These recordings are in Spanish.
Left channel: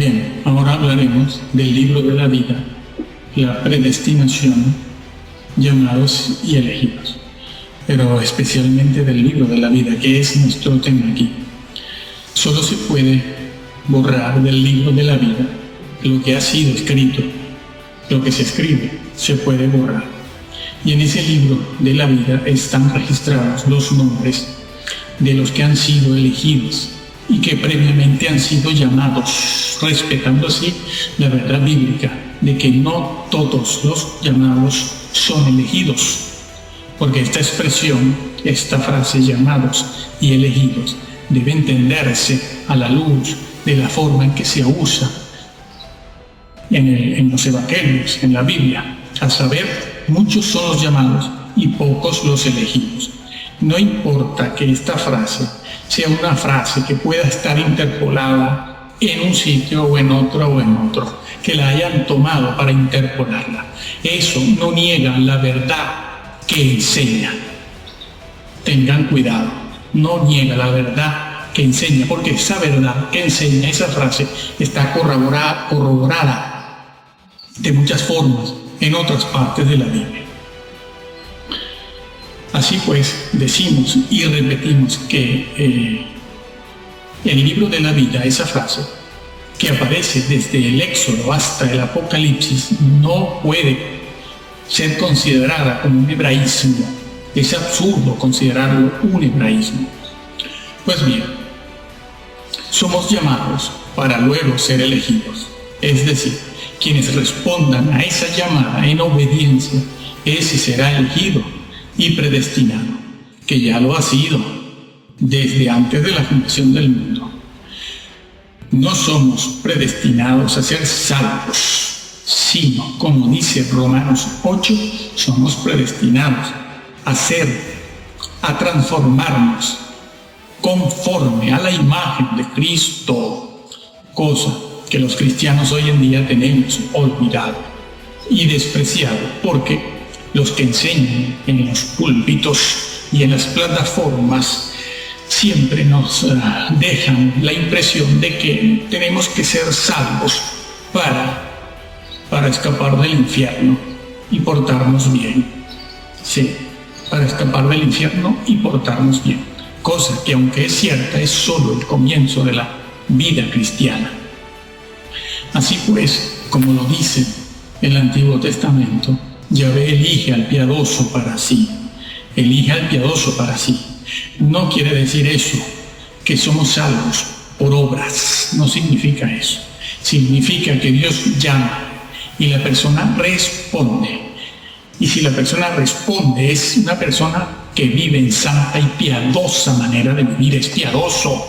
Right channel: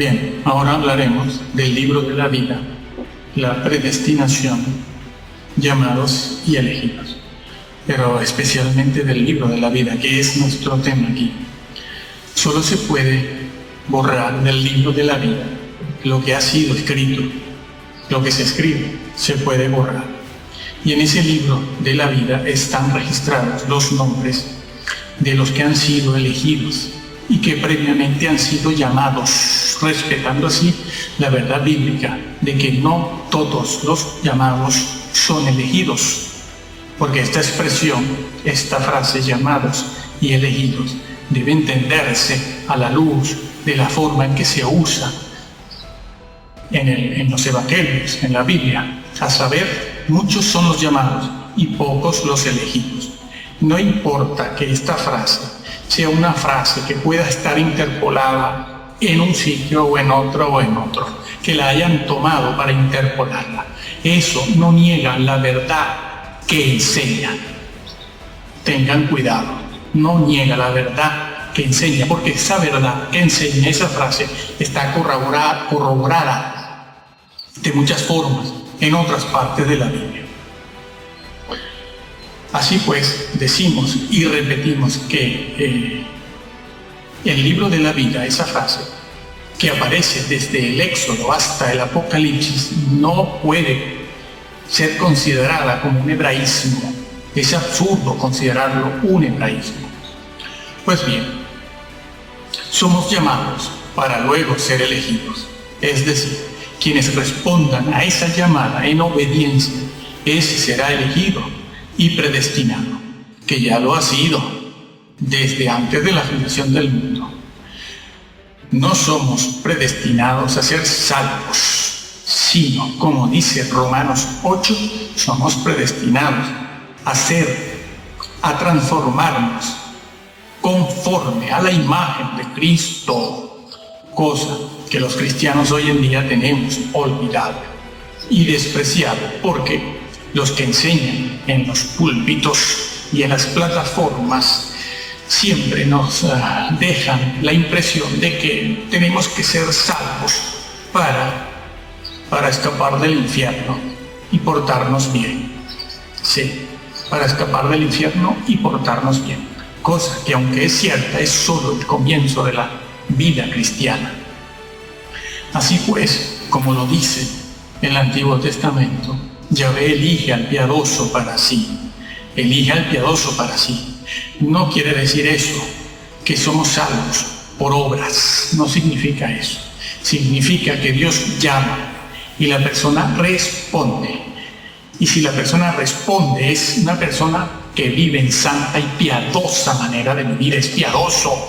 Bien, ahora hablaremos del libro de la vida, la predestinación, llamados y elegidos, pero especialmente del libro de la vida, que es nuestro tema aquí. Solo se puede borrar del libro de la vida lo que ha sido escrito, lo que se escribe, se puede borrar. Y en ese libro de la vida están registrados los nombres de los que han sido elegidos y que previamente han sido llamados, respetando así la verdad bíblica de que no todos los llamados son elegidos, porque esta expresión, esta frase llamados y elegidos, debe entenderse a la luz de la forma en que se usa en los evangelios, en la Biblia, a saber, muchos son los llamados y pocos los elegidos. No importa que esta frase sea una frase que pueda estar interpolada en un sitio o en otro, que la hayan tomado para interpolarla. Eso no niega la verdad que enseña. Tengan cuidado, no niega la verdad que enseña, porque esa verdad que enseña, esa frase, está corroborada de muchas formas en otras partes de la Biblia. Así pues, decimos y repetimos que el libro de la vida, esa frase, que aparece desde el Éxodo hasta el Apocalipsis, no puede ser considerada como un hebraísmo. Es absurdo considerarlo un hebraísmo. Pues bien, somos llamados para luego ser elegidos. Es decir, quienes respondan a esa llamada en obediencia, ese será elegido y predestinado, que ya lo ha sido desde antes de la fundación del mundo. No somos predestinados a ser salvos, sino, como dice Romanos 8, somos predestinados a transformarnos conforme a la imagen de Cristo, cosa que los cristianos hoy en día tenemos olvidado y despreciado, porque los que enseñan en los púlpitos y en las plataformas siempre nos dejan la impresión de que tenemos que ser salvos para escapar del infierno y portarnos bien. Sí, para escapar del infierno y portarnos bien. Cosa que, aunque es cierta, es solo el comienzo de la vida cristiana. Así pues, como lo dice el Antiguo Testamento, Yahvé elige al piadoso para sí. Elige al piadoso para sí. No quiere decir eso, que somos salvos por obras. No significa eso. Significa que Dios llama y la persona responde. Y si la persona responde, es una persona que vive en santa y piadosa manera de vivir. Es piadoso.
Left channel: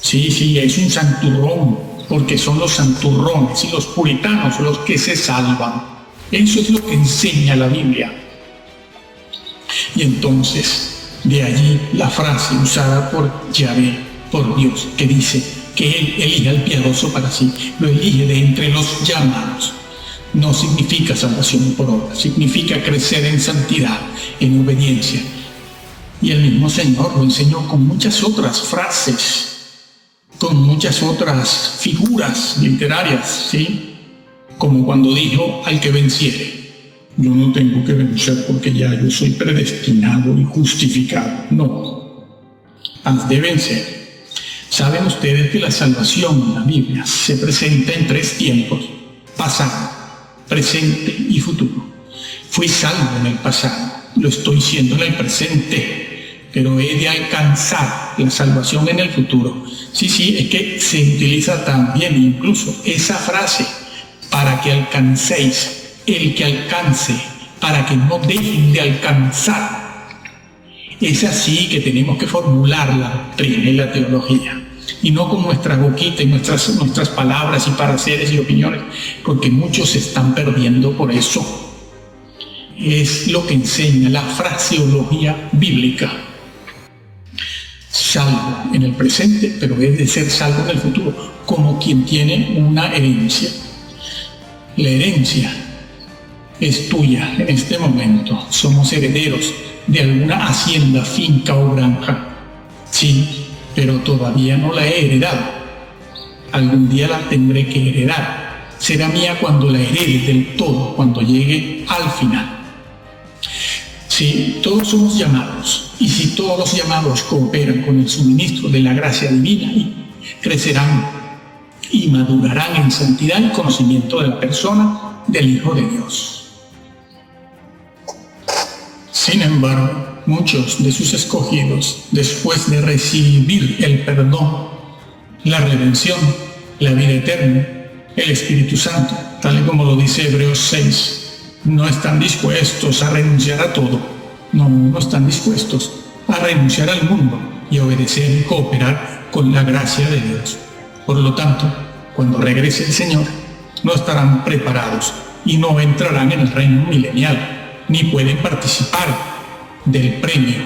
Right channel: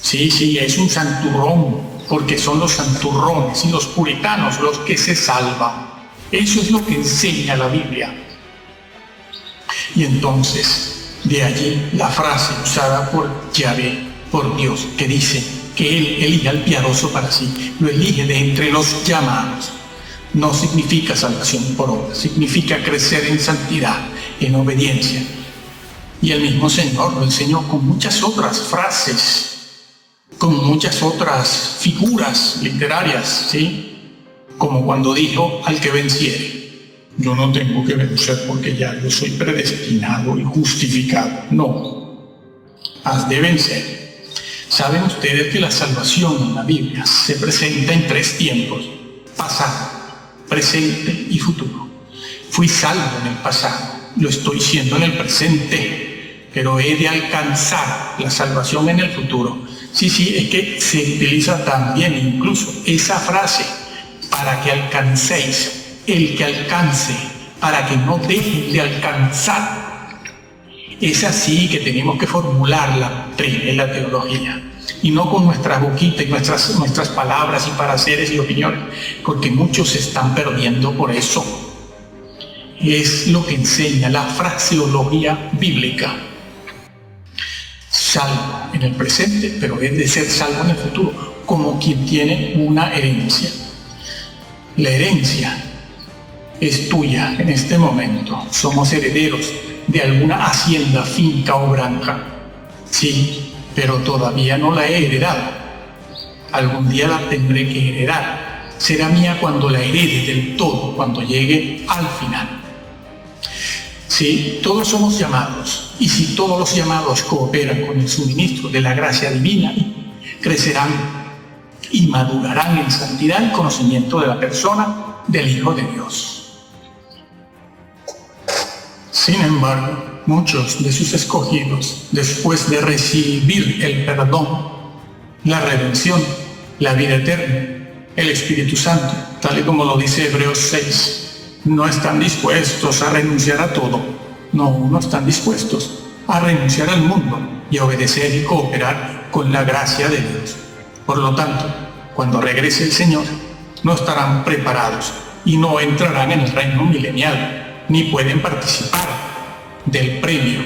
Sí, es un santurrón, porque son los santurrones y los puritanos los que se salvan. Eso es lo que enseña la Biblia. Y entonces, de allí la frase usada por Yahvé, por Dios, que dice que Él elige al piadoso para sí, lo elige de entre los llamados. No significa salvación por obra, significa crecer en santidad, en obediencia. Y el mismo Señor lo enseñó con muchas otras frases, con muchas otras figuras literarias, ¿sí? Como cuando dijo al que venciere, yo no tengo que vencer porque ya yo soy predestinado y justificado. No, has de vencer. Saben ustedes que la salvación en la Biblia se presenta en 3 tiempos: pasado, presente y futuro. Fui salvo en el pasado, lo estoy siendo en el presente, pero he de alcanzar la salvación en el futuro. Sí, es que se utiliza también incluso esa frase, para que alcancéis, el que alcance, para que no dejen de alcanzar. Es así que tenemos que formular la doctrina y la teología, y no con nuestra boquita y nuestras palabras y pareceres y opiniones, porque muchos se están perdiendo por eso. Es lo que enseña la fraseología bíblica. Salvo en el presente, pero es de ser salvo en el futuro, como quien tiene una herencia. La herencia es tuya en este momento. Somos herederos de alguna hacienda, finca o granja. Sí, pero todavía no la he heredado. algún día la tendré que heredar. Será mía cuando la herede del todo, cuando llegue al final. Sí, todos somos llamados, y si todos los llamados cooperan con el suministro de la gracia divina, crecerán y madurarán en santidad y conocimiento de la persona del Hijo de Dios. Sin embargo, muchos de sus escogidos, después de recibir el perdón, la redención, la vida eterna, el Espíritu Santo, tal y como lo dice Hebreos 6, no están dispuestos a renunciar a todo. No están dispuestos a renunciar al mundo y a obedecer y cooperar con la gracia de Dios. Por lo tanto, cuando regrese el Señor, no estarán preparados y no entrarán en el reino milenial, ni pueden participar del premio,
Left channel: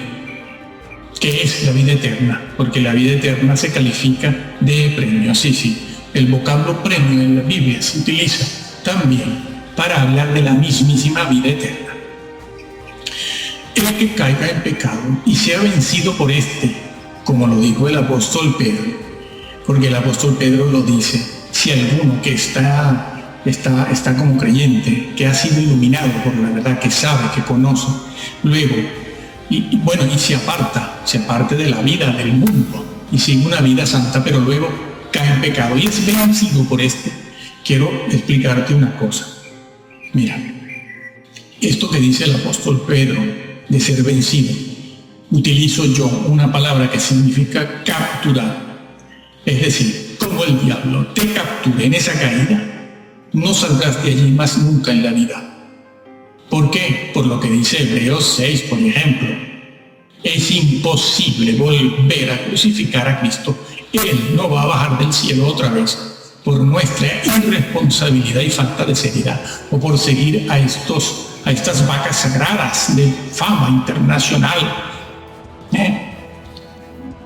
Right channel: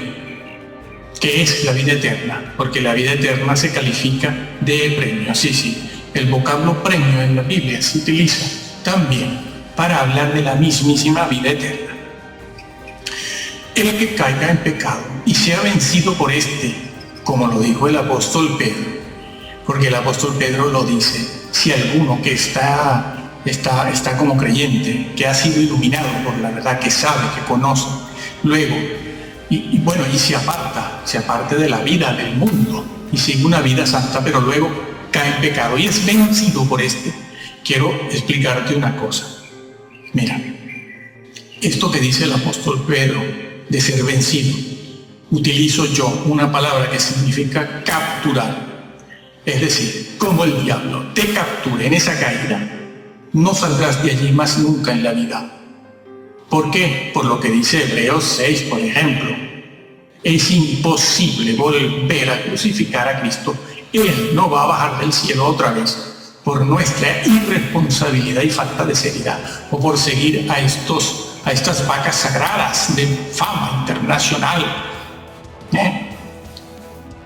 que es la vida eterna, porque la vida eterna se califica de premio. Sí, el vocablo premio en la Biblia se utiliza también para hablar de la mismísima vida eterna. El que caiga en pecado y sea vencido por este, como lo dijo el apóstol Pedro, porque el apóstol Pedro lo dice, si alguno que está como creyente, que ha sido iluminado por la verdad, que sabe, que conoce, luego, y se aparta de la vida del mundo y sigue una vida santa, pero luego cae en pecado y es vencido por este, quiero explicarte una cosa. Mira, esto que dice el apóstol Pedro de ser vencido, utilizo yo una palabra que significa capturar. Es decir, como el diablo te capture en esa caída, no saldrás de allí más nunca en la vida. ¿Por qué? Por lo que dice Hebreos 6, por ejemplo. Es imposible volver a crucificar a Cristo. Él no va a bajar del cielo otra vez por nuestra irresponsabilidad y falta de seriedad, o por seguir a estas vacas sagradas de fama internacional,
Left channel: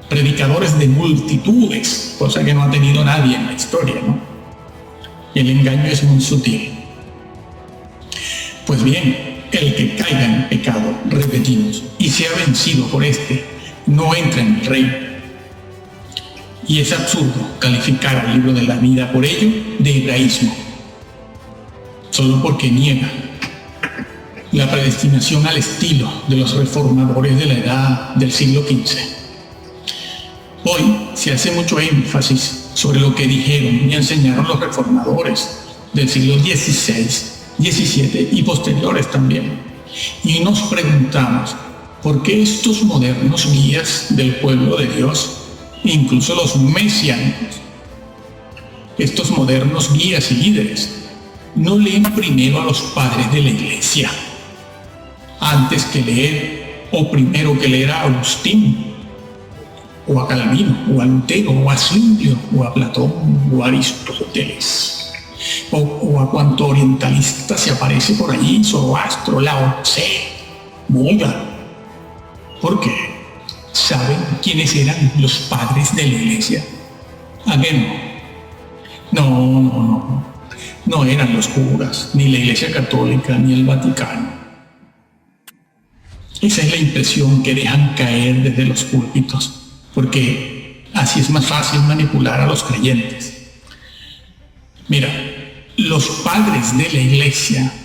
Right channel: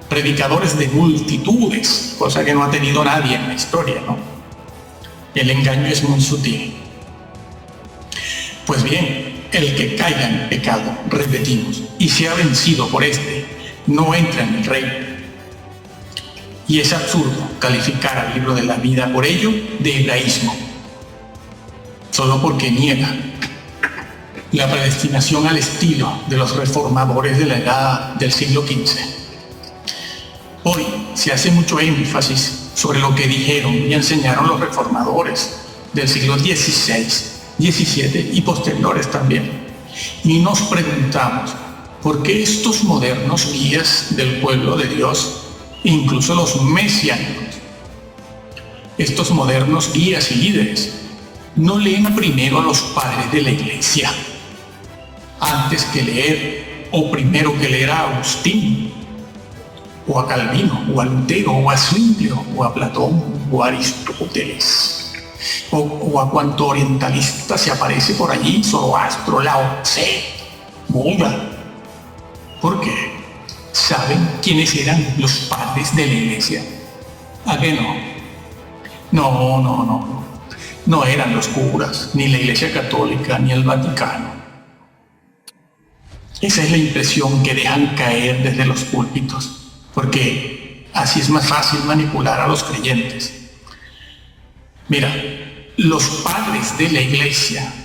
predicadores de multitudes, cosa que no ha tenido nadie en la historia, ¿no? El engaño es muy sutil. Pues bien, el que caiga en pecado, repetimos, y sea vencido por este, no entra en el reino. Y es absurdo calificar al libro de la vida por ello de hebraísmo, solo porque niega la predestinación al estilo de los reformadores de la edad del siglo XV. Hoy se hace mucho énfasis sobre lo que dijeron y enseñaron los reformadores del siglo XVI, XVII y posteriores también. Y nos preguntamos, ¿por qué estos modernos guías del pueblo de Dios, incluso los mesiánicos, estos modernos guías y líderes, no leen primero a los padres de la iglesia antes que leer, o primero que leer a Agustín, o a Calvino, o a Lutero, o a Zwinglio, o a Platón, o a Aristóteles, o a cuanto orientalista se aparece por allí, Zoroastro, Lao Tse, Buda? ¿Por qué? ¿Saben quiénes eran los padres de la iglesia? ¿A qué no? No eran los curas, ni la Iglesia Católica, ni el Vaticano. Esa es la impresión que dejan caer desde los púlpitos, porque así es más fácil manipular a los creyentes. Mira, los padres de la iglesia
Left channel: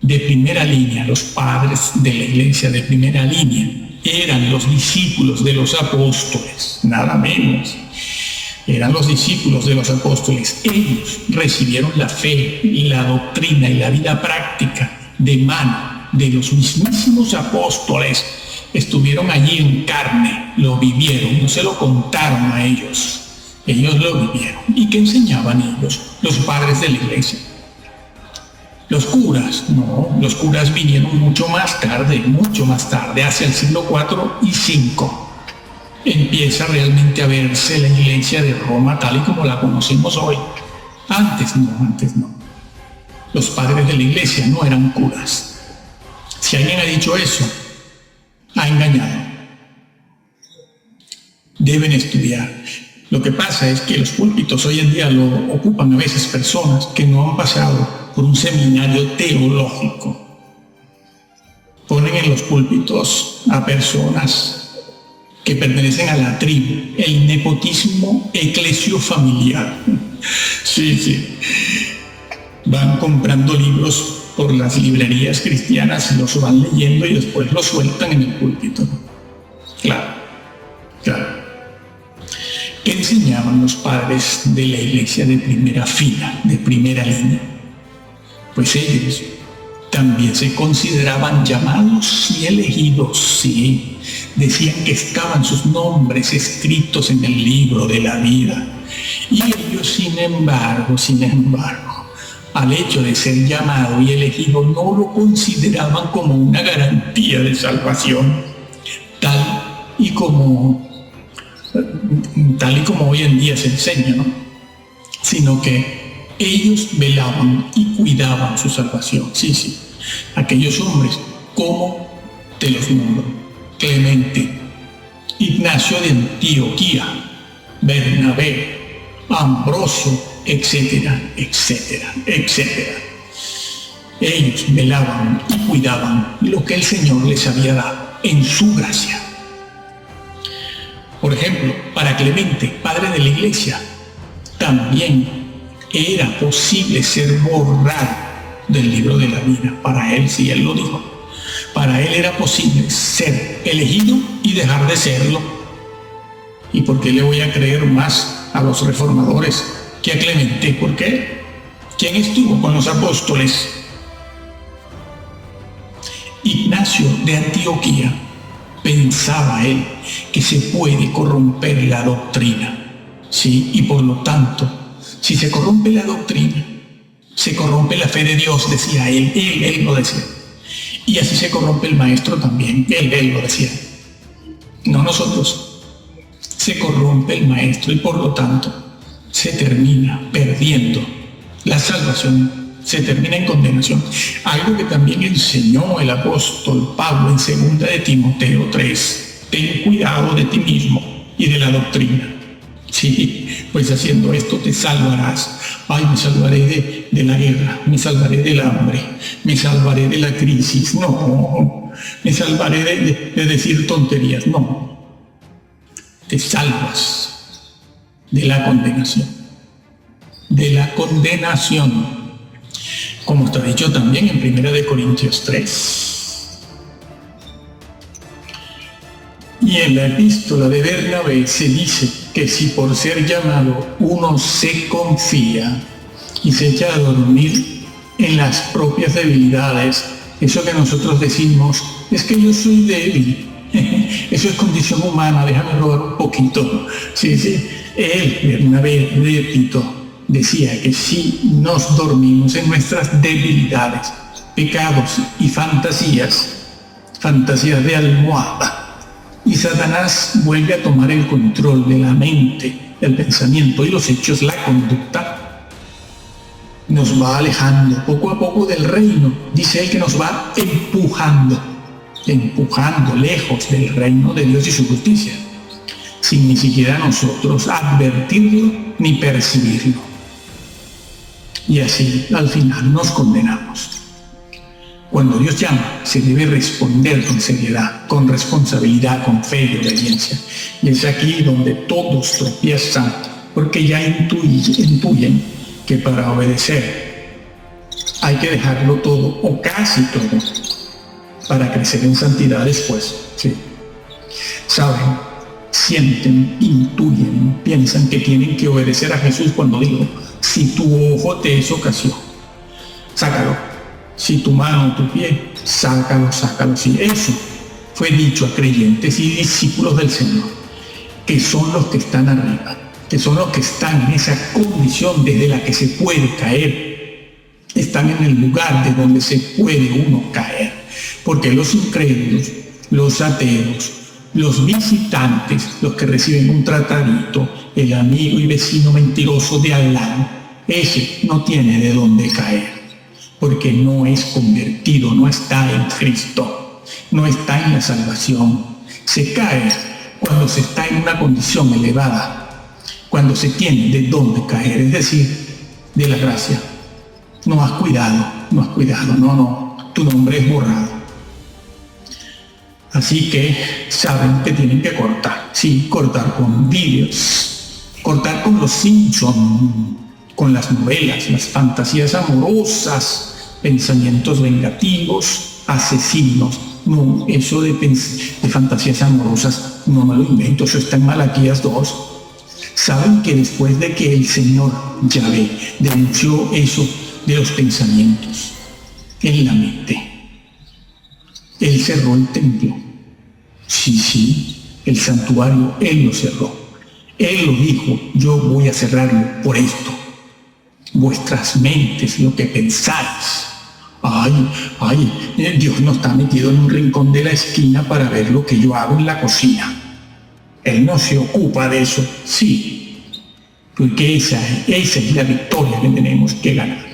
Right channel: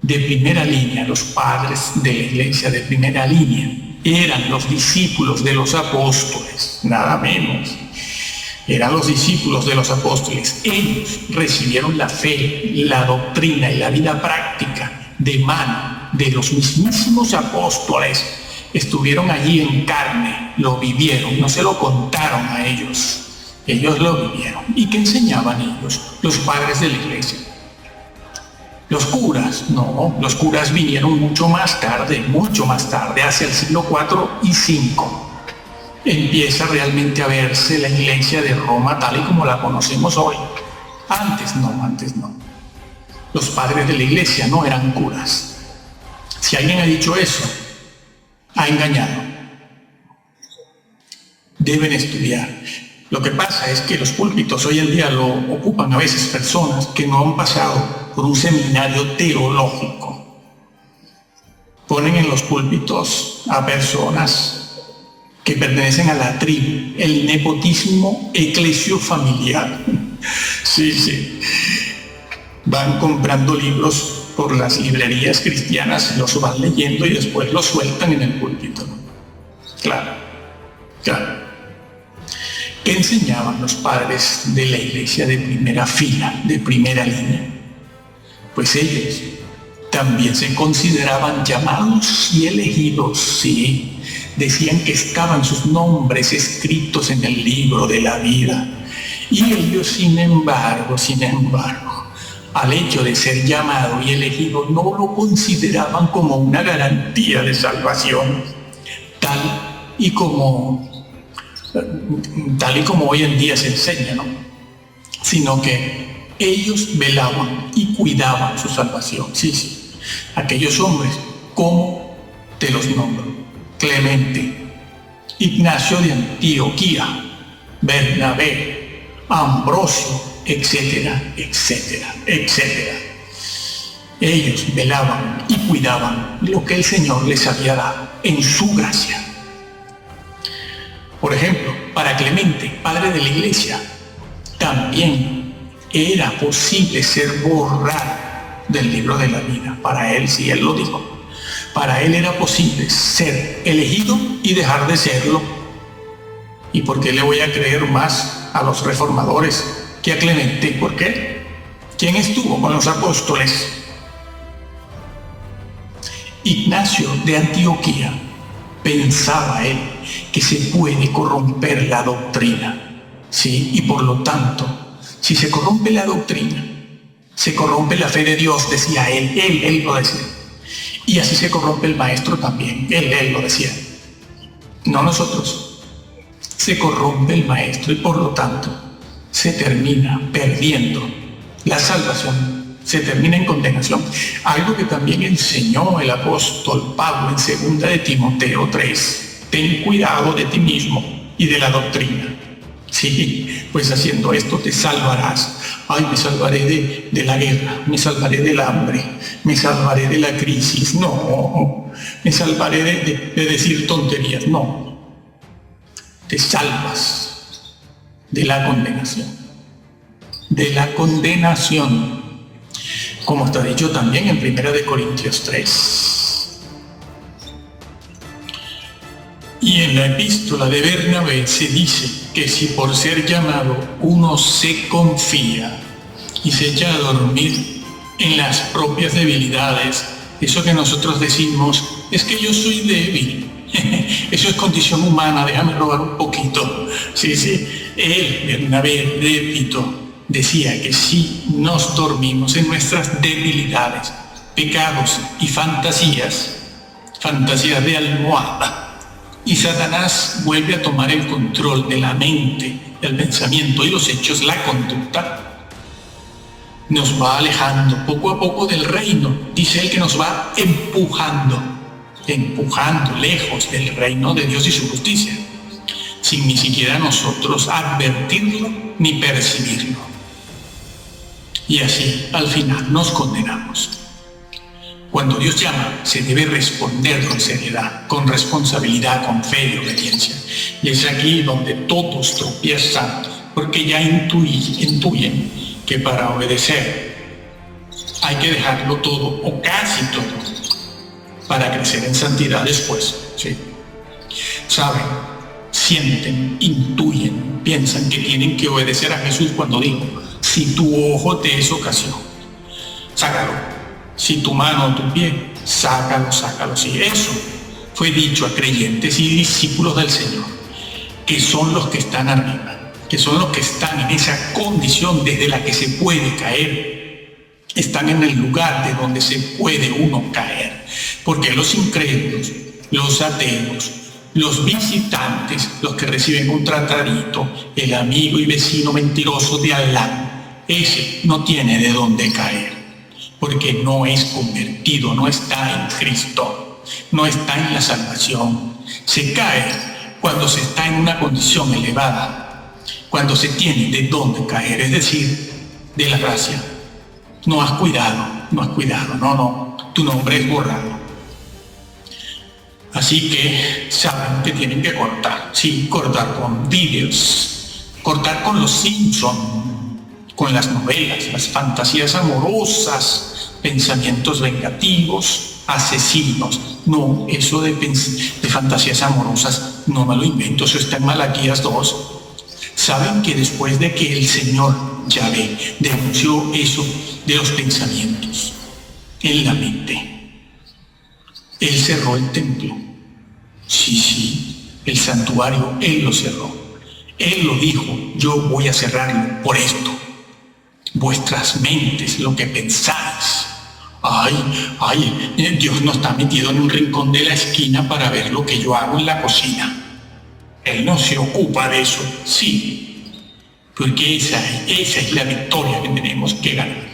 de primera línea, eran los discípulos de los apóstoles, nada menos. Eran los discípulos de los apóstoles. Ellos recibieron la fe, la doctrina y la vida práctica de mano de los mismísimos apóstoles. Estuvieron allí en carne, lo vivieron, no se lo contaron a ellos. Ellos lo vivieron. ¿Y qué enseñaban ellos, los padres de la iglesia? Los curas, no, los curas vinieron mucho más tarde, hacia el siglo IV y V. Empieza realmente a verse la iglesia de Roma tal y como la conocemos hoy. Antes no. Los padres de la iglesia no eran curas. Si alguien ha dicho eso, ha engañado. Deben estudiar. Lo que pasa es que los púlpitos hoy en día lo ocupan a veces personas que no han pasado por un seminario teológico. Ponen en los púlpitos a personas que pertenecen a la tribu, el nepotismo eclesiofamiliar. Sí, sí. Van comprando libros por las librerías cristianas, los van leyendo y después los sueltan en el púlpito. Claro, claro. ¿Qué enseñaban los padres de la iglesia de primera fila, de primera línea? Pues ellos también se consideraban llamados y elegidos, sí. Decían que estaban sus nombres escritos en el libro de la vida. Y ellos, sin embargo, al hecho de ser llamado y elegido, no lo consideraban como una garantía de salvación, tal y como hoy en día se enseña, ¿no? Sino que ellos velaban y cuidaban su salvación. Sí, sí. Aquellos hombres, ¿cómo te los nombro? Clemente, Ignacio de Antioquía, Bernabé, Ambrosio, etcétera, etcétera, etcétera. Ellos velaban y cuidaban lo que el Señor les había dado en su gracia. Por ejemplo, para Clemente, padre de la iglesia, también era posible ser borrado del libro de la vida. Para él, sí, él lo dijo. Para él era posible ser elegido y dejar de serlo. ¿Y por qué le voy a creer más a los reformadores que a Clemente? ¿Por qué? ¿Quién estuvo con los apóstoles? Ignacio de Antioquía. Pensaba él que se puede corromper la doctrina, ¿sí? Y por lo tanto, si se corrompe la doctrina, se corrompe la fe de Dios, decía él lo decía. Y así se corrompe el maestro también, él lo decía. No nosotros. Se corrompe el maestro y por lo tanto se termina perdiendo la salvación, se termina en condenación. Algo que también enseñó el apóstol Pablo en 2 de Timoteo 3. Ten cuidado de ti mismo y de la doctrina. Sí, pues haciendo esto te salvarás. Ay, me salvaré de la guerra, me salvaré del hambre, me salvaré de la crisis. No, me salvaré de decir tonterías. No, te salvas de la condenación. De la condenación. Como está dicho también en 1 de Corintios 3. Y en la epístola de Bernabé se dice que si por ser llamado uno se confía y se echa a dormir en las propias debilidades, eso que nosotros decimos es que yo soy débil, eso es condición humana, déjame robar un poquito. Sí, sí, él, Bernabé, repito, decía que si nos dormimos en nuestras debilidades, pecados y fantasías de almohada, y Satanás vuelve a tomar el control de la mente, el pensamiento y los hechos, la conducta, nos va alejando poco a poco del reino. Dice él que nos va empujando lejos del reino de Dios y su justicia, sin ni siquiera nosotros advertirlo ni percibirlo. Y así al final nos condenamos. Cuando Dios llama, se debe responder con seriedad, con responsabilidad, con fe y obediencia. Y es aquí donde todos tropiezan, porque ya intuyen que para obedecer hay que dejarlo todo o casi todo para crecer en santidad después. Sí. Saben, sienten, intuyen, piensan que tienen que obedecer a Jesús cuando dijo: si tu ojo te es ocasión, sácalo. Si tu mano o tu pie, sácalo. Sí, eso fue dicho a creyentes y discípulos del Señor, que son los que están arriba, que son los que están en esa condición desde la que se puede caer. Están en el lugar de donde se puede uno caer. Porque los incrédulos, los ateos, los visitantes, los que reciben un tratadito, el amigo y vecino mentiroso de al lado, ese no tiene de dónde caer. Porque no es convertido, no está en Cristo, no está en la salvación. Se cae cuando se está en una condición elevada, cuando se tiene de dónde caer, es decir, de la gracia. No has cuidado, no, tu nombre es borrado. Así que saben que tienen que cortar. Sí, cortar con vídeos, cortar con los Simpson, con las novelas, las fantasías amorosas, pensamientos vengativos, asesinos. No, eso de fantasías amorosas no me lo invento, eso está en Malaquías 2. Saben que después de que el Señor Yahvé denunció eso de los pensamientos en la mente, Él cerró el templo. Sí, el santuario, Él lo cerró. Él lo dijo, yo voy a cerrarlo por esto. Vuestras mentes, lo que pensáis. Dios no está metido en un rincón de la esquina para ver lo que yo hago en la cocina. Él no se ocupa de eso, sí, porque esa es la victoria que tenemos que ganar.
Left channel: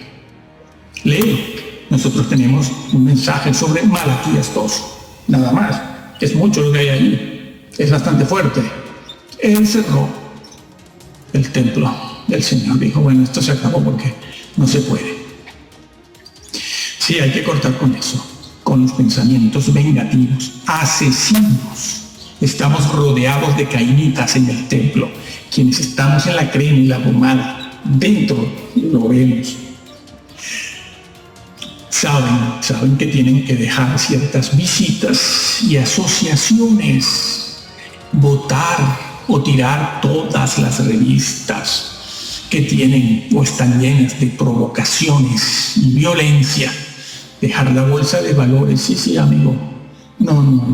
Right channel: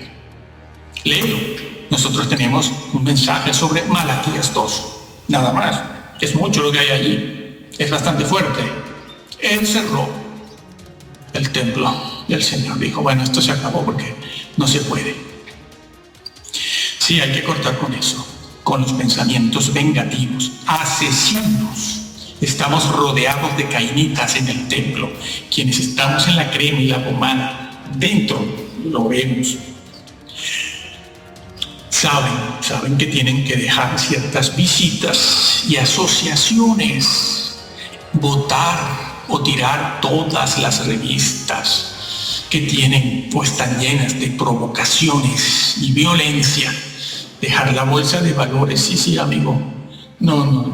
Léelo. Nosotros tenemos un mensaje sobre Malaquías 2, nada más. Es mucho lo que hay allí, es bastante fuerte. Él cerró el templo del Señor. Dijo, bueno, esto se acabó porque no se puede. Sí, hay que cortar con eso, con los pensamientos vengativos, asesinos. Estamos rodeados de cainitas en el templo. Quienes estamos en la crema y la pomada, dentro lo vemos. Saben que tienen que dejar ciertas visitas y asociaciones, votar o tirar todas las revistas que tienen o están llenas de provocaciones y violencia. Dejar la bolsa de valores, sí, amigo. No.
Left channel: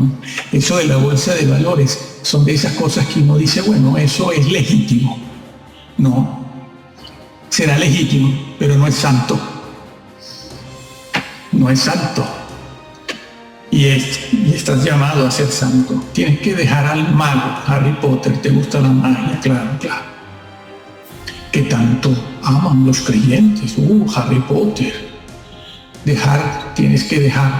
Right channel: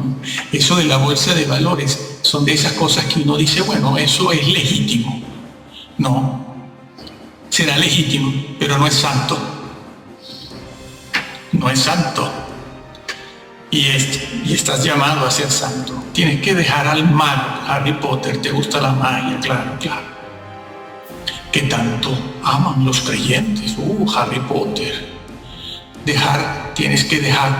Eso de la bolsa de valores son de esas cosas que uno dice, bueno, eso es legítimo. No, será legítimo, pero no es santo. No es santo. Y estás llamado a ser santo. Tienes que dejar al mago, Harry Potter. ¿Te gusta la magia? Claro. Que tanto aman los creyentes. Harry Potter.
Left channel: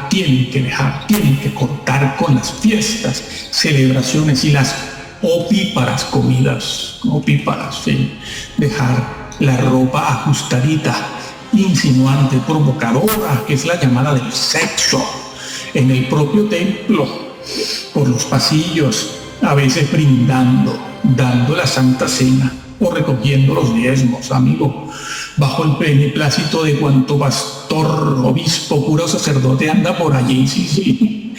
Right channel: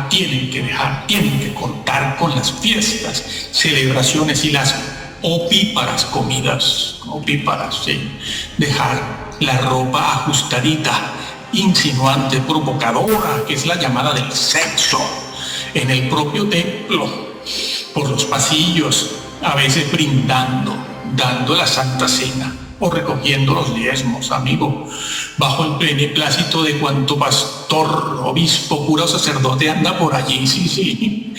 Tienen que cortar con las fiestas, celebraciones y las opíparas comidas. Opíparas, sí. Dejar la ropa ajustadita, insinuante, provocadora, que es la llamada del sexo, en el propio templo, por los pasillos, a veces brindando, dando la Santa Cena o recogiendo los diezmos, amigo, bajo el beneplácito de cuanto pastor, obispo, cura o sacerdote anda por allí, sí.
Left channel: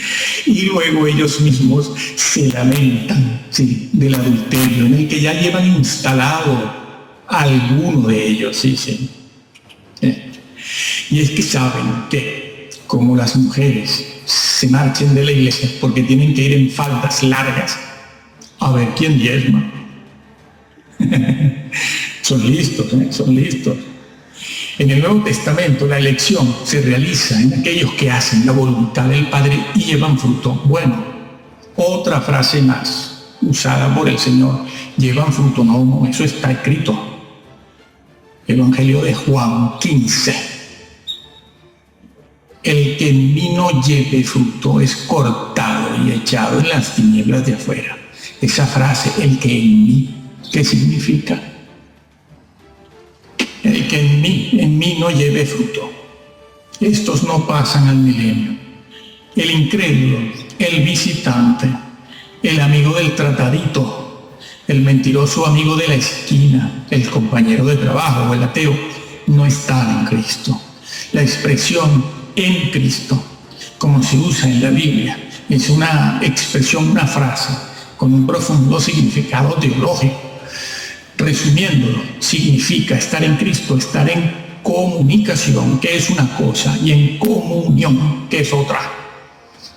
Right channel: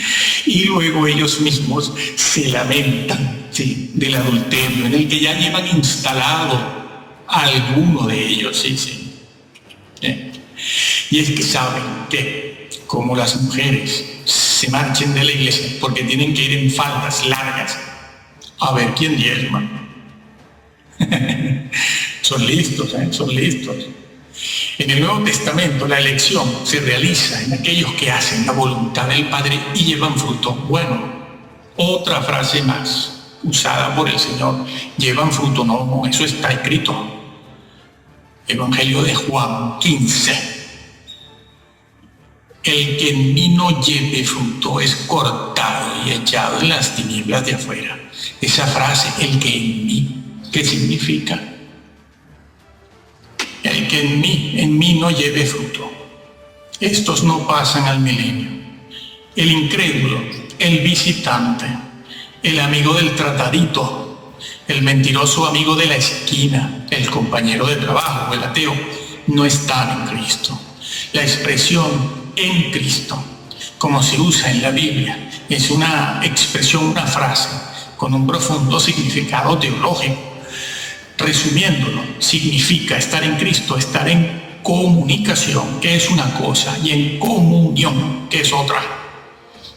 Y luego ellos mismos se lamentan, sí, del adulterio en el que ya llevan instalado a alguno de ellos, sí. Y es que saben que, como las mujeres se marchen de la iglesia porque tienen que ir en faldas largas a ver quién diezma. Son listos. En el Nuevo Testamento la elección se realiza en aquellos que hacen la voluntad del Padre y llevan fruto. Bueno, otra frase más usada por el Señor, llevan fruto. No, eso está escrito. Evangelio de Juan 15. El que en mí no lleve fruto es cortado y echado en las tinieblas de afuera. Esa frase, el que en mí, ¿qué significa? El que en mí no lleve fruto. Estos no pasan al milenio. El incrédulo, el visitante, el amigo del tratadito, el mentiroso amigo de la esquina, el compañero de trabajo o el ateo, no están en Cristo. La expresión en Cristo, como se usa en la Biblia, es una expresión, una frase con un profundo significado teológico. Resumiéndolo, significa estar en Cristo, estar en comunicación, que es una cosa, y en comunión, que es otra.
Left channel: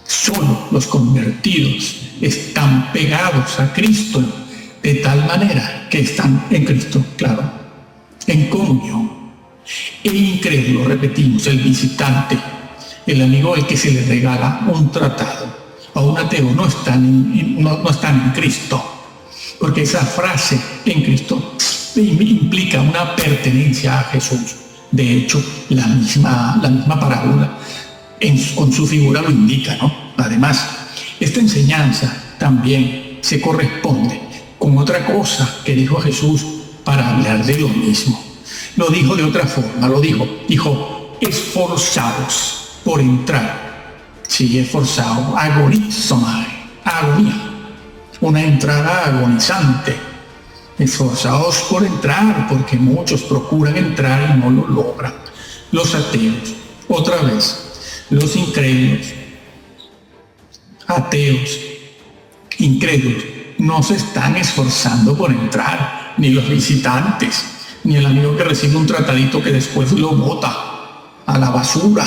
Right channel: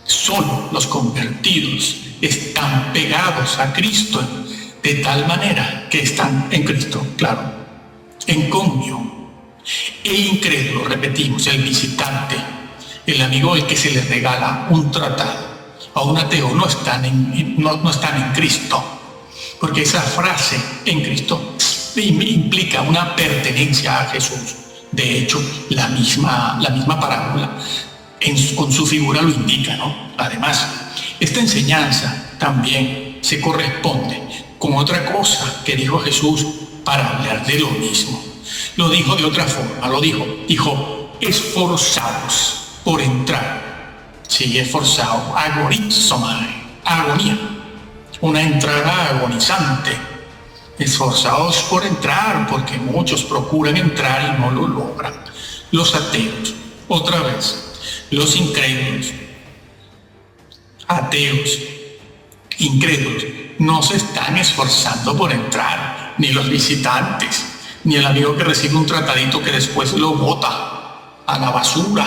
Solo los convertidos están pegados a Cristo de tal manera que están en Cristo, claro, en comunión. El incrédulo, repetimos, el visitante, el amigo al que se le regala un tratado, a un ateo, no están en Cristo, porque esa frase en Cristo implica una pertenencia a Jesús. De hecho, la misma parábola con su figura lo indica, ¿no? Además, esta enseñanza también se corresponde con otra cosa que dijo Jesús para hablar de lo mismo. Lo dijo de otra forma, dijo, esforzaos por entrar. Sí, esforzado, agorizomai, agonía, una entrada agonizante. Esforzados por entrar, porque muchos procuran entrar y no lo logran. Los ateos, otra vez, los incrédulos, ateos, incrédulos, no se están esforzando por entrar, ni los visitantes, ni el amigo que recibe un tratadito que después lo bota a la basura,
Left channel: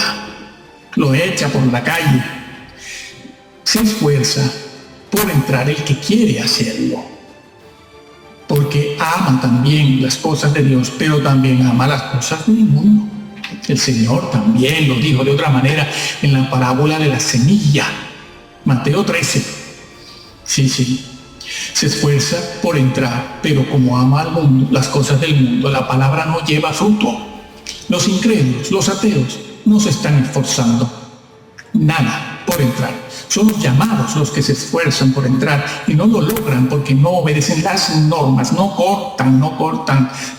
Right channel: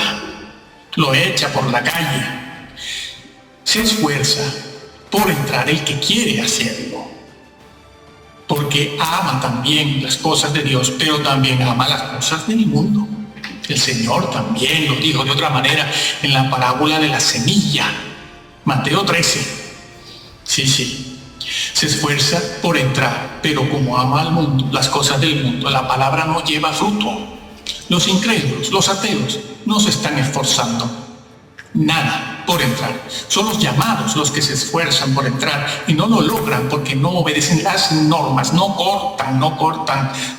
lo echa por la calle. Se esfuerza por entrar el que quiere hacerlo, porque ama también las cosas de Dios, pero también ama las cosas del mundo. El Señor también lo dijo de otra manera en la parábola de la semilla, Mateo 13. Sí. Se esfuerza por entrar, pero como ama al mundo, las cosas del mundo, la palabra no lleva fruto. Los incrédulos, los ateos, no se están esforzando nada por entrar. Son los llamados los que se esfuerzan por entrar y no lo logran porque no obedecen las normas, no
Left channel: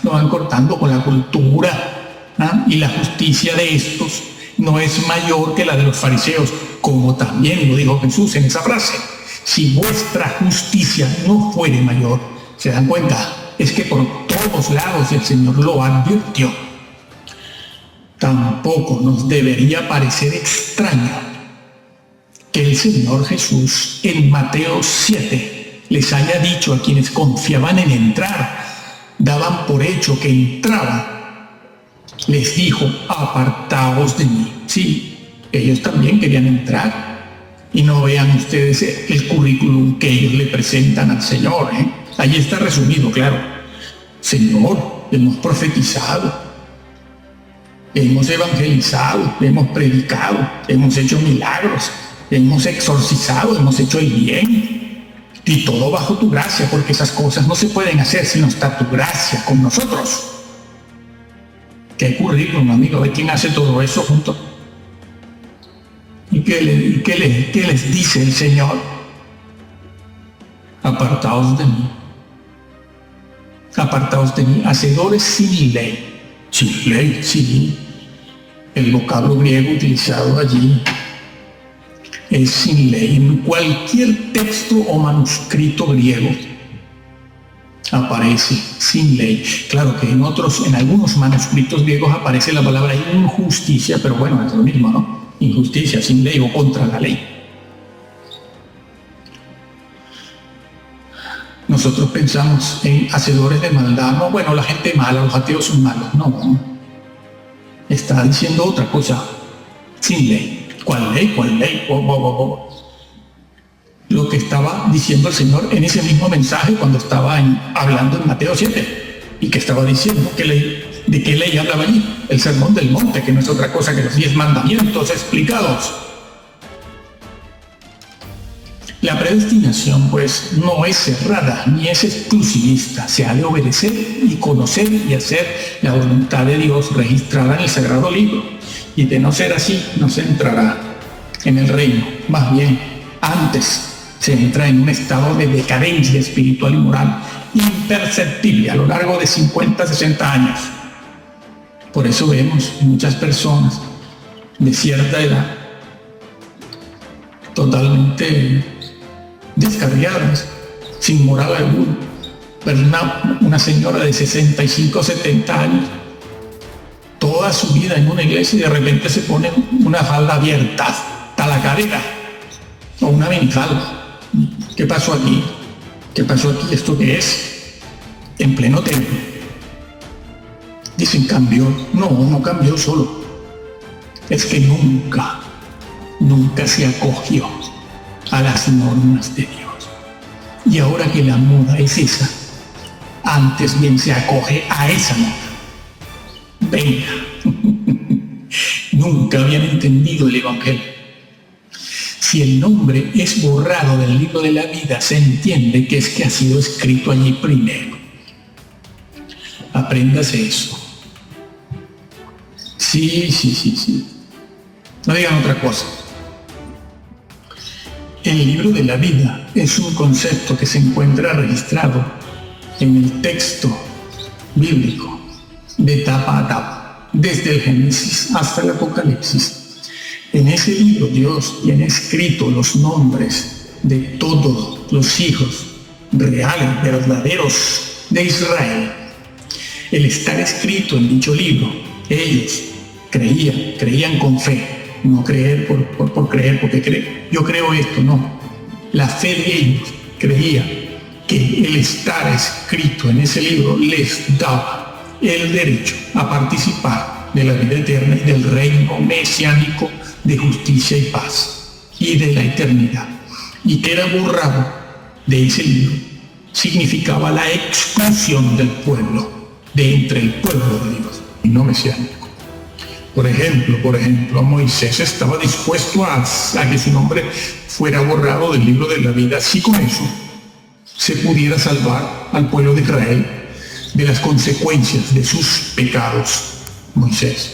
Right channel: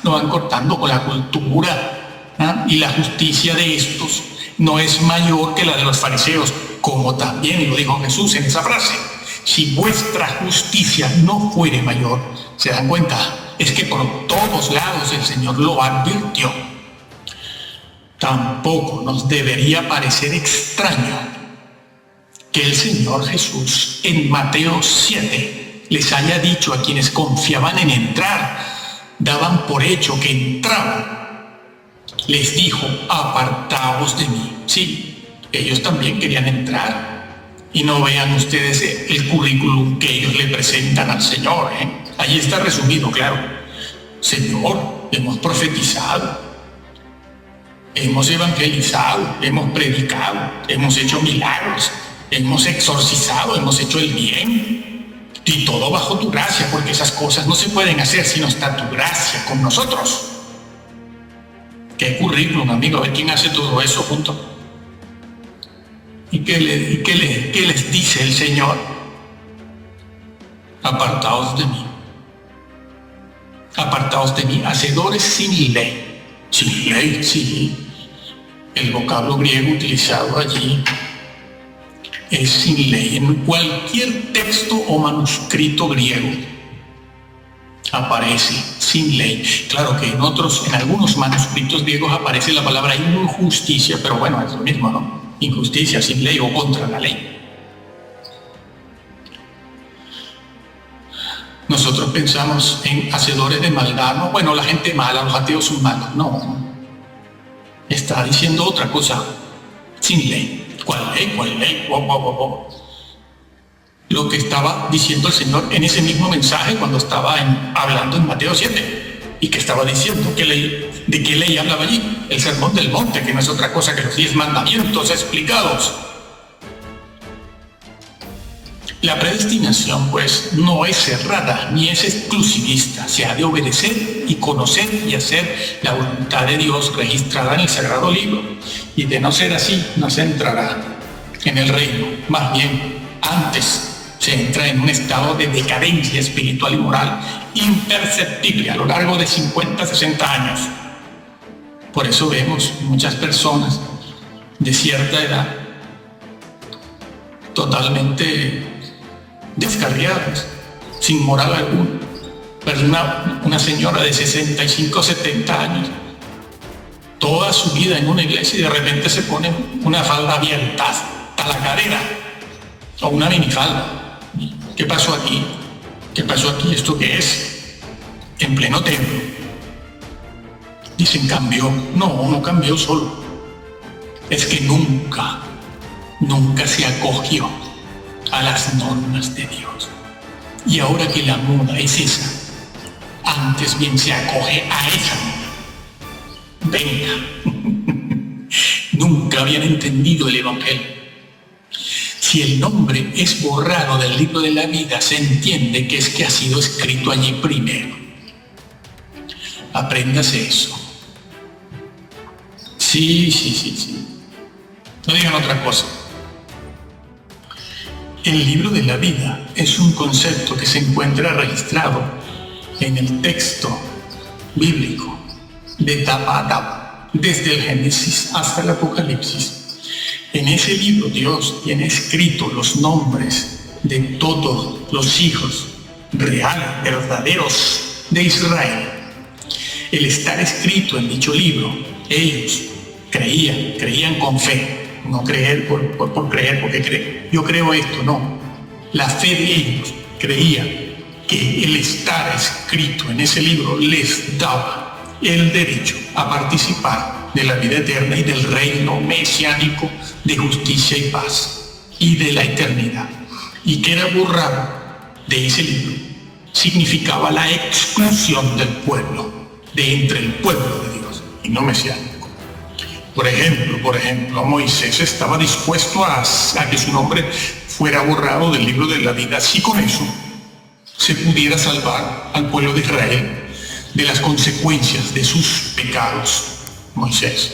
van cortando con la cultura. Y la justicia de estos no es mayor que la de los fariseos, como también lo dijo Jesús en esa frase. Si vuestra justicia no fuere mayor, ¿se dan cuenta? Es que por todos lados el Señor lo advirtió. Tampoco nos debería parecer extraño que el Señor Jesús en Mateo 7 les haya dicho a quienes confiaban en entrar, daban por hecho que entraban, les dijo: apartaos de mí. Sí, ellos también querían entrar. Y no vean ustedes el currículum que ellos le presentan al Señor. Allí está resumido, claro. Señor, hemos profetizado, hemos evangelizado, hemos predicado, hemos hecho milagros, hemos exorcizado, hemos hecho el bien. Y todo bajo tu gracia, porque esas cosas no se pueden hacer si no está tu gracia con nosotros. ¿Qué currículum, amigo? A ver quién hace todo eso junto. ¿Y qué les dice el Señor? Apartaos de mí. Apartaos de mí, hacedores sin ley. Sin ley, sí. El vocablo griego utilizado allí es sin ley. En cualquier texto o manuscrito griego aparece sin ley. Claro que en algunos manuscritos griegos aparece la palabra injusticia, pero bueno, es lo mismo, ¿no? Injusticia, sin ley o contra la ley. Nosotros pensamos en hacedores de maldad. No, bueno, la gente mala, los ateos son malos. No. Está diciendo otra cosa. Sin ley. ¿Cuál ley? ¿Cuál ley? Lo que estaba diciendo el Señor en ese mismo mensaje cuando estaba hablando en Mateo 7. Y que estaba diciendo ¿de qué ley hablaba allí? El sermón del monte, que no es otra cosa que los 10 mandamientos explicados. La predestinación, pues, no es cerrada ni es exclusivista. Se ha de obedecer y conocer y hacer la voluntad de Dios registrada en el Sagrado Libro. Y de no ser así, no se entrará en el reino. Más bien, antes se entra en un estado de decadencia espiritual y moral imperceptible a lo largo de 50, 60 años. Por eso vemos muchas personas de cierta edad totalmente descarriadas, sin moral alguna. Pero una señora de 65, 70 años, toda su vida en una iglesia y de repente se pone una falda abierta hasta la cadera o una minifalda. ¿Qué pasó aquí? ¿Qué pasó aquí? ¿Esto qué es? En pleno templo. Dicen, cambió. No cambió solo. Es que nunca se acogió a las normas de Dios. Y ahora que la moda es esa, antes bien se acoge a esa moda. Venga. Nunca habían entendido el Evangelio. Si el nombre es borrado del libro de la vida, se entiende que es que ha sido escrito allí primero. Apréndase eso. Sí. No digan otra cosa. El libro de la vida es un concepto que se encuentra registrado en el texto bíblico de tapa a tapa, desde el Génesis hasta el Apocalipsis. En ese libro Dios tiene escrito los nombres de todos los hijos reales, verdaderos de Israel. El estar escrito en dicho libro, ellos creían con fe, no creer por creer, porque yo creo esto, no. La fe de ellos creía que el estar escrito en ese libro les daba el derecho a participar de la vida eterna y del reino mesiánico de justicia y paz y de la eternidad. Y que era borrado de ese libro significaba la exclusión del pueblo, de entre el pueblo de Dios y no mesiánico. Por ejemplo, Moisés estaba dispuesto a que su nombre fuera borrado del libro de la vida si con eso se pudiera salvar al pueblo de Israel de las consecuencias de sus pecados. Moisés.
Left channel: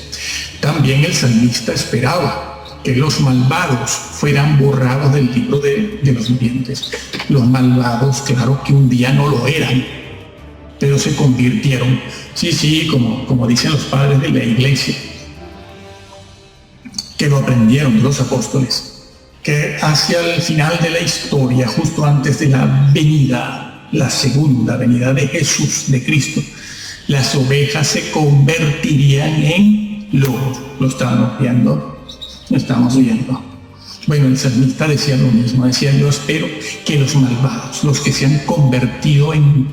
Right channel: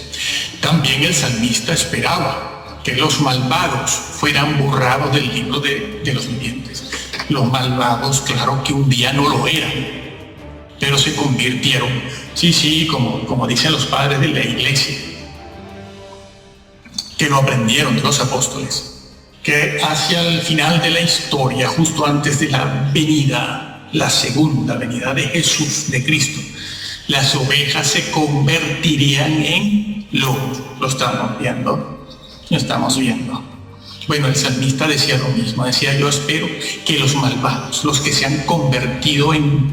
También el salmista esperaba que los malvados fueran borrados del libro de los vivientes. Los malvados, claro que un día no lo eran, pero se convirtieron, como dicen los padres de la iglesia, que lo aprendieron de los apóstoles, que hacia el final de la historia, justo antes de la segunda venida de Jesús, de Cristo, las ovejas se convertirían en lobos. Lo estamos viendo. Bueno, el salmista decía lo mismo, decía: yo espero que los malvados, los que se han convertido en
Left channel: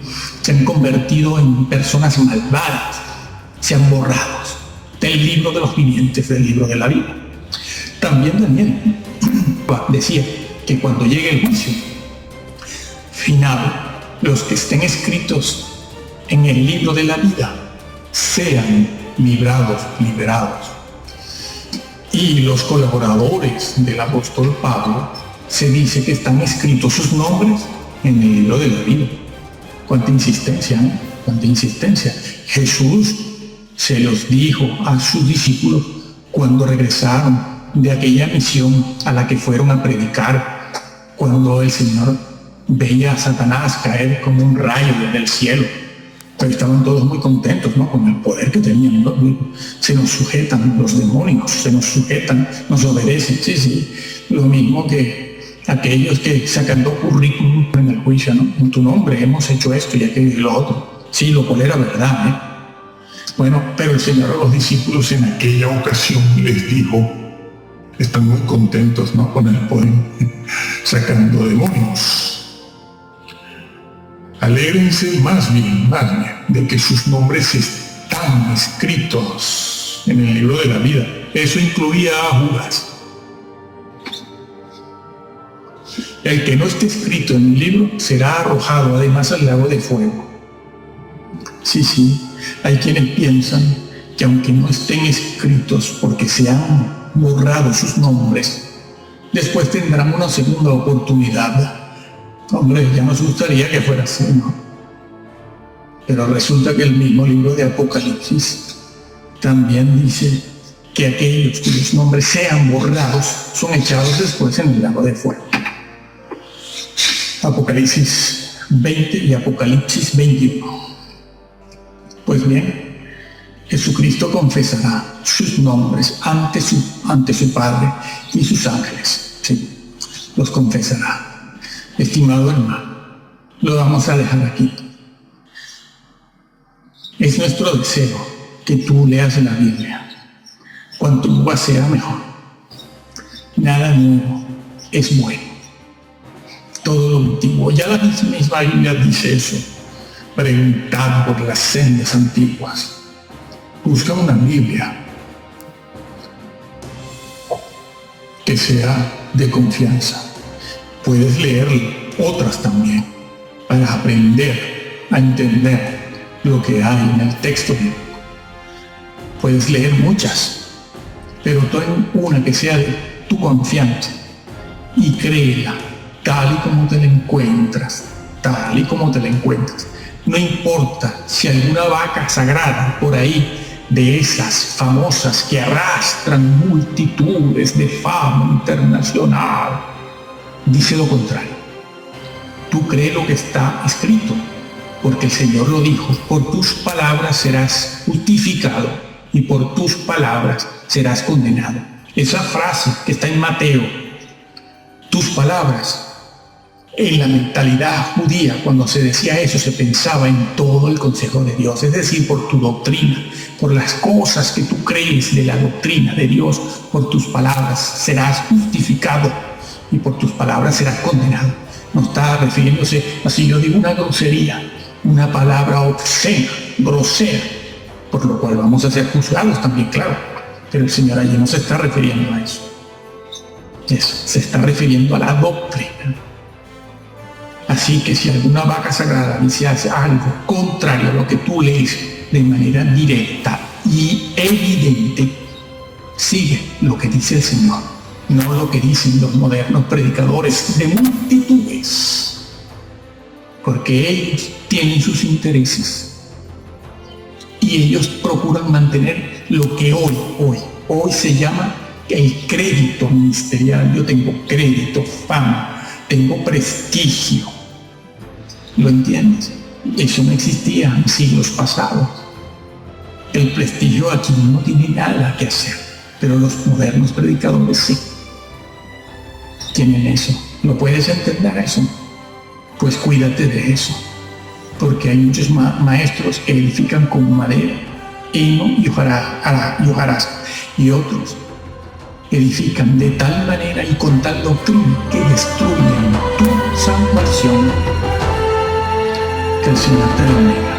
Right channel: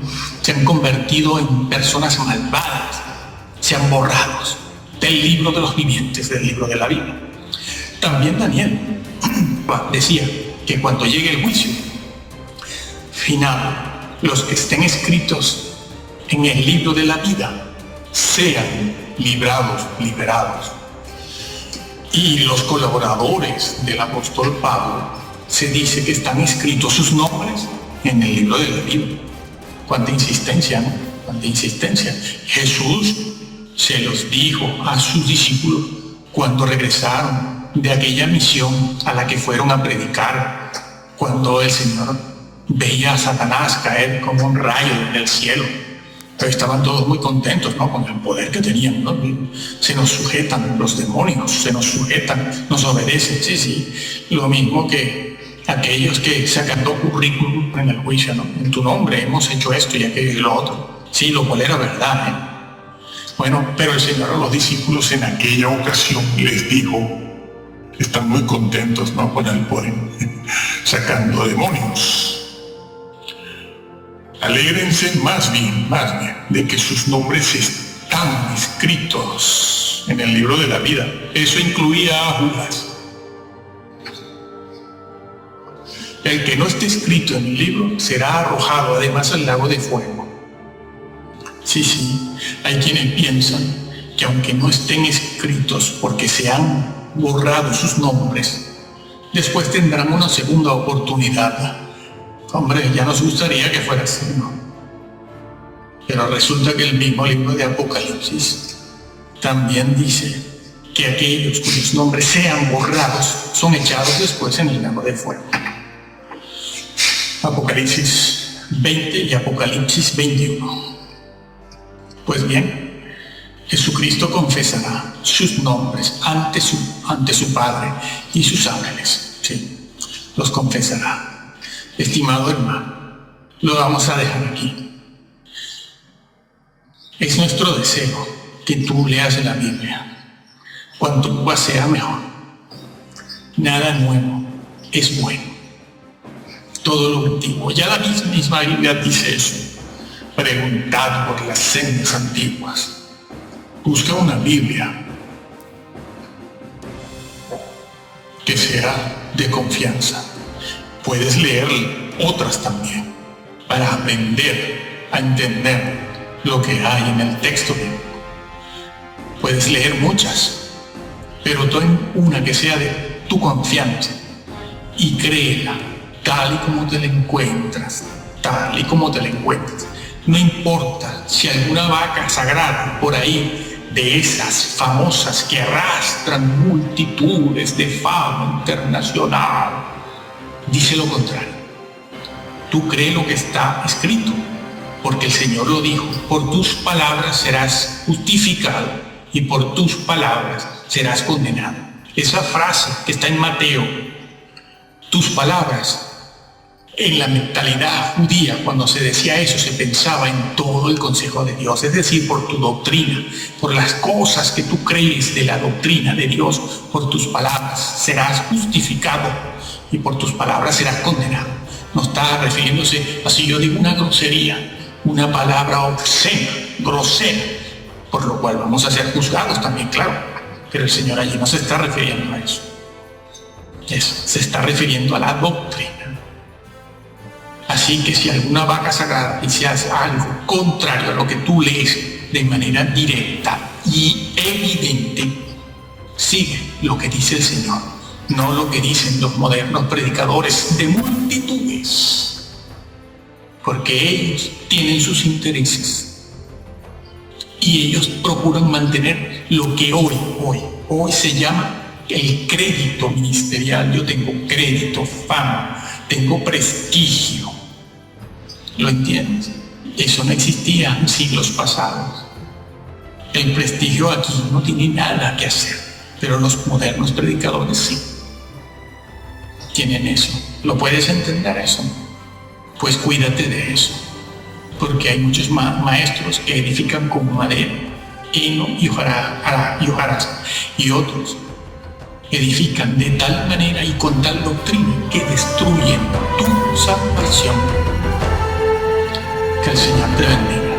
personas malvadas, sean borrados del libro de los vivientes, del libro de la vida. También Daniel decía que cuando llegue el juicio final, los que estén escritos en el libro de la vida sean liberados. Y los colaboradores del apóstol Pablo, se dice que están escritos sus nombres en el libro de la vida. Cuánta insistencia, ¿no? Cuánta insistencia. Jesús se los dijo a sus discípulos cuando regresaron de aquella misión a la que fueron a predicar, cuando el Señor veía a Satanás caer como un rayo desde el cielo. Pero estaban todos muy contentos, ¿no?, con el poder que tenían, ¿no? Se nos sujetan los demonios, se nos sujetan, nos obedecen. Sí, lo mismo que aquellos que sacando currículum en el juicio, ¿no? En tu nombre hemos hecho esto y aquello y lo otro. Sí, lo cual era verdad, ¿eh? Bueno, pero el Señor a los discípulos en aquella ocasión les dijo, están muy contentos, ¿no?, con el poder, sacando demonios. Alégrense más bien, de que sus nombres están escritos en el libro de la vida. Eso incluía a Judas. El que no esté escrito en el libro será arrojado además al lago de fuego. Sí, hay quienes piensan que aunque no estén escritos porque se han borrado sus nombres, después tendrán una segunda oportunidad. Hombre, ya nos gustaría que fuera así, ¿no? Pero resulta que el mismo libro de Apocalipsis también dice que aquellos cuyos nombres sean borrados son echados después en el lago de fuego. Apocalipsis 20 y Apocalipsis 21. Pues bien, Jesucristo confesará sus nombres ante su Padre y sus ángeles. Sí, los confesará. Estimado hermano, lo vamos a dejar aquí. Es nuestro deseo que tú leas la Biblia. Cuanto más sea, mejor. Nada nuevo es bueno. Todo lo antiguo. Ya la misma Biblia dice eso. Preguntad por las sendas antiguas. Busca una Biblia que sea de confianza. Puedes leer otras también para aprender a entender lo que hay en el texto bíblico. Puedes leer muchas, pero ten una que sea de tu confianza y créela tal y como te la encuentras, No importa si alguna vaca sagrada por ahí, de esas famosas que arrastran multitudes de fama internacional, dice lo contrario. Tú cree lo que está escrito, porque el Señor lo dijo: por tus palabras serás justificado y por tus palabras serás condenado. Esa frase que está en Mateo, tus palabras, en la mentalidad judía, cuando se decía eso, se pensaba en todo el consejo de Dios, es decir, por tu doctrina, por las cosas que tú crees de la doctrina de Dios, por tus palabras serás justificado y por tus palabras serás condenado. No está refiriéndose a si yo digo una grosería, una palabra obscena, grosera, por lo cual vamos a ser juzgados también, claro, pero el Señor allí no se está refiriendo a eso. Eso, se está refiriendo a la doctrina. Así que si alguna vaca sagrada dice algo contrario a lo que tú lees de manera directa y evidente, sigue lo que dice el Señor, no lo que dicen los modernos predicadores de multitudes, porque ellos tienen sus intereses y ellos procuran mantener lo que hoy se llama el crédito ministerial. Yo tengo crédito, fama, tengo prestigio. ¿Lo entiendes? Eso no existía en siglos pasados. El prestigio aquí no tiene nada que hacer, pero los modernos predicadores sí tienen eso. ¿Lo puedes entender eso? Pues cuídate de eso, porque hay muchos maestros que edifican con madera, heno y hojarasca, y otros edifican de tal manera y con tal doctrina que destruyen tu salvación. Que el Señor te bendiga.